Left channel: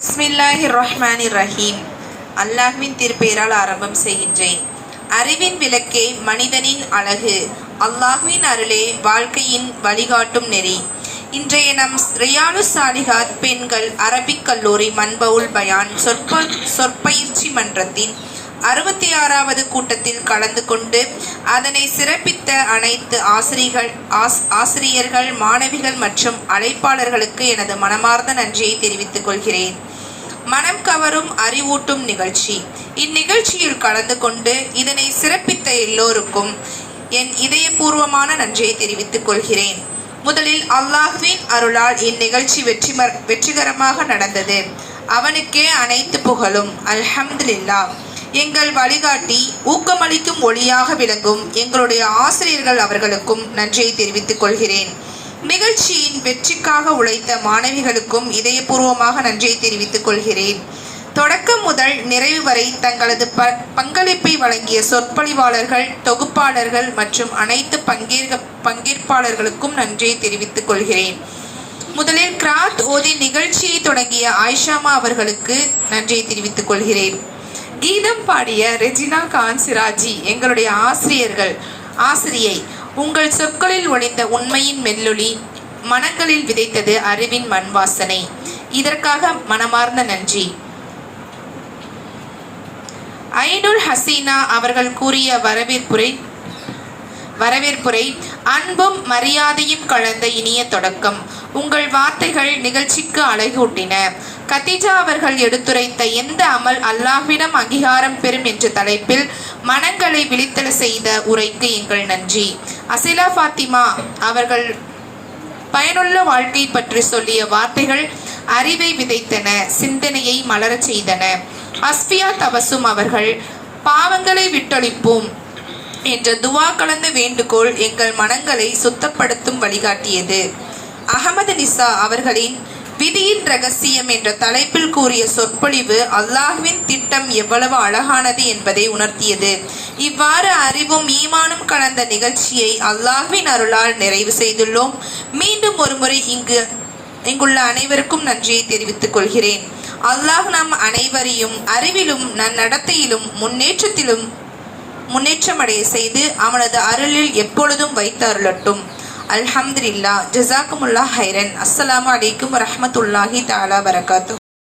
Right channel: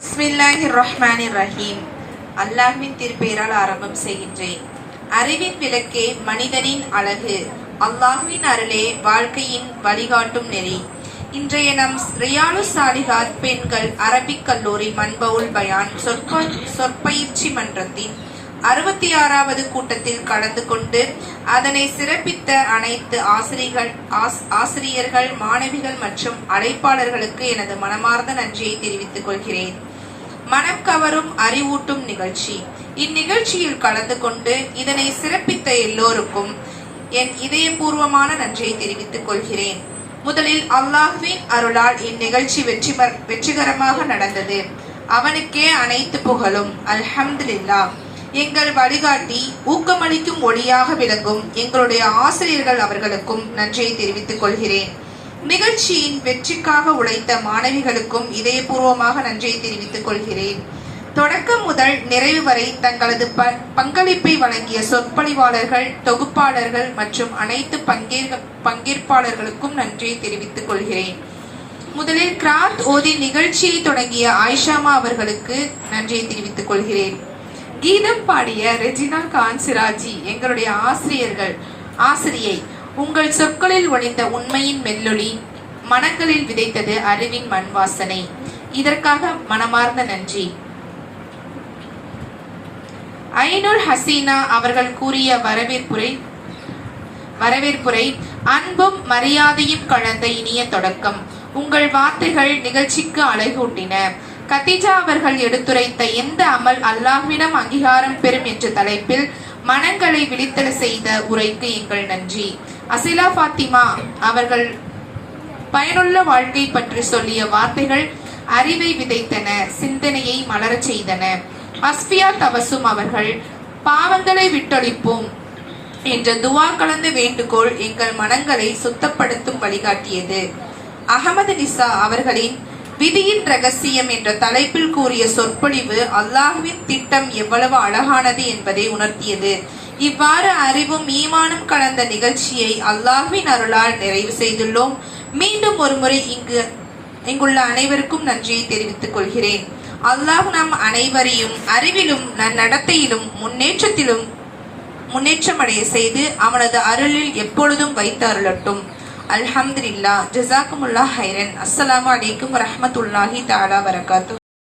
பிஸ்மில்லாஹிர்ரஹ்மானிர்ரஹீம். அல்லாஹ்வின் திருப்பெயரால் ஆரம்பம் செய்கின்றேன். அறிவின் விளக்கே மனிதனின் அழகு, அல்லாஹ்வின் அருளே வாழ்க்கையின் வழிகாட்டும் நெறி. இன்றைய நம் ரியாலு சாலிஹாத் பெண்கள் அரபிக் கல்லூரி மன்பவுல் பயான் சொற்பயிற்சி மன்றத்தின் 66வது கூட்டத்தில் கலந்து கொண்டு அதனை சிறப்பித்த அனைத்து ஆசிரியர்கள், மாணவிகள் மற்றும் அழைப்பாளர்களுக்கு எனது மனமார்ந்த நன்றியை தெரிவித்துக் கொள்கிறேன். மனம் கவரும் அறிவூட்டும் நிகழ்ச்சி. இந்நிகழ்ச்சியில் கலந்து கொண்டு இதனை சிறப்பித்த எல்லோருக்கும் என் இதயபூர்வமான நன்றியை தெரிவித்துக் கொள்கிறேன். முதலில் அல்லாஹ்வின் அருளால் இந்நிகழ்ச்சி வெற்றிகரமாக நடந்தது. அவனுக்கே அனைத்து புகழும். அல்ஹம்துலில்லாஹ். எங்கள் வழிகாட்டி, ஊக்கமளிக்கும் ஒளியாக விளங்கும் எங்களுடைய ஆசிரியர்கள் அவர்களுக்கும் நன்றியை தெரிவித்துக் கொள்கிறேன். நிகழ்ச்சியின் வெற்றிக்காக உழைத்த மாணவிகளுக்கும் இதயபூர்வமாக நன்றியை தெரிவித்துக் கொள்கிறேன். தொடக்கம் முதல் நிறைவு வரை தங்களது பங்களிப்பை வழங்கிய சொற்பொழிவாளர்கள், தொகுப்பாளர்கள் மற்றும் அனைத்து பங்கேற்பாளர்களுக்கும் நன்றியை தெரிவித்துக் கொள்கிறேன். முதலில் கிராத் ஓதி நிகழ்ச்சியை தொடங்கிய ஆயிஷாமா அவர்களுக்கு நன்றியை தெரிவித்துக் கொள்கிறேன். கீதம் பாடிய ரெஜினா கான் சிராஜி எங்களுடைய ஆசிரியை, உங்கள் சொற்களில் ஒளிந்த உண்மையின் மெல்லொலி மனங்களில் விதைத்தது அறிவின் மண் வாசனை. இதற்காக மனமார்ந்த நன்றி. ஐனுல் ஹசீனா அவர்கள் கூறிய வரவேற்புரை அன்பும் மரியாதையும் கலந்த இனிய தொடக்கம். உங்கள் வார்த்தைகள் நிகழ்ச்சிக்கு அழகூட்டின. கதீஜா அவர்கள் எடுத்துரைத்த எந்த அமல் அல்லாஹ்விடம் அங்கீகாரம் பெறும் என்ற தலைப்பில் மனங்களை விழித்தெழ செய்த உரைக்கு எங்கள் நன்றி. அசிலா ஃபாத்திமா அவர்கள் பயனுள்ள வாழ்க்கை பற்றி சொல்லிய வார்த்தைகள் அறிவை விதைத்தன, சிந்தனையை மலரச் செய்தன. அஸ்பியா தவசும் அவர்கள் பாவங்களை விட்டொழிப்போம் என்ற துவா கலந்த வேண்டுகோள் எங்கள் மனங்களை சுத்தப்படுத்தும் வழிகாட்டியது. அகமது நிசா அவர்களின் விதியின் ரகசியம் என்ற தலைப்பில் கூறிய சொற்பொழிவு அல்லாஹ்வின் திட்டம் எவ்வளவு அழகானது என்பதை உணர்த்தியது. இவ்வாறு அறிவும் ஈமானும் கலந்த நிகழ்ச்சியை அல்லாஹ்வின் அருளால் நிறைவு செய்துள்ளோம். மீண்டும் ஒருமுறை இங்குள்ள அனைவருக்கும் நன்றியை தெரிவித்துக் கொள்கிறேன். அல்லாஹ் நம் அனைவரையும் அறிவிலும் நன்னடத்தையிலும் முன்னேற்றமடைய செய்து அவனது அருளில் எப்பொழுதும் வைத்து அருளட்டும். அல்ஹம்துலில்லாஹ். ஜஸாக்குமுல்லாஹ் ஹைரன். அஸ்ஸலாமு அலைக்கும் வரஹ்மத்துல்லாஹி தஆலா வரகாத்துஹு.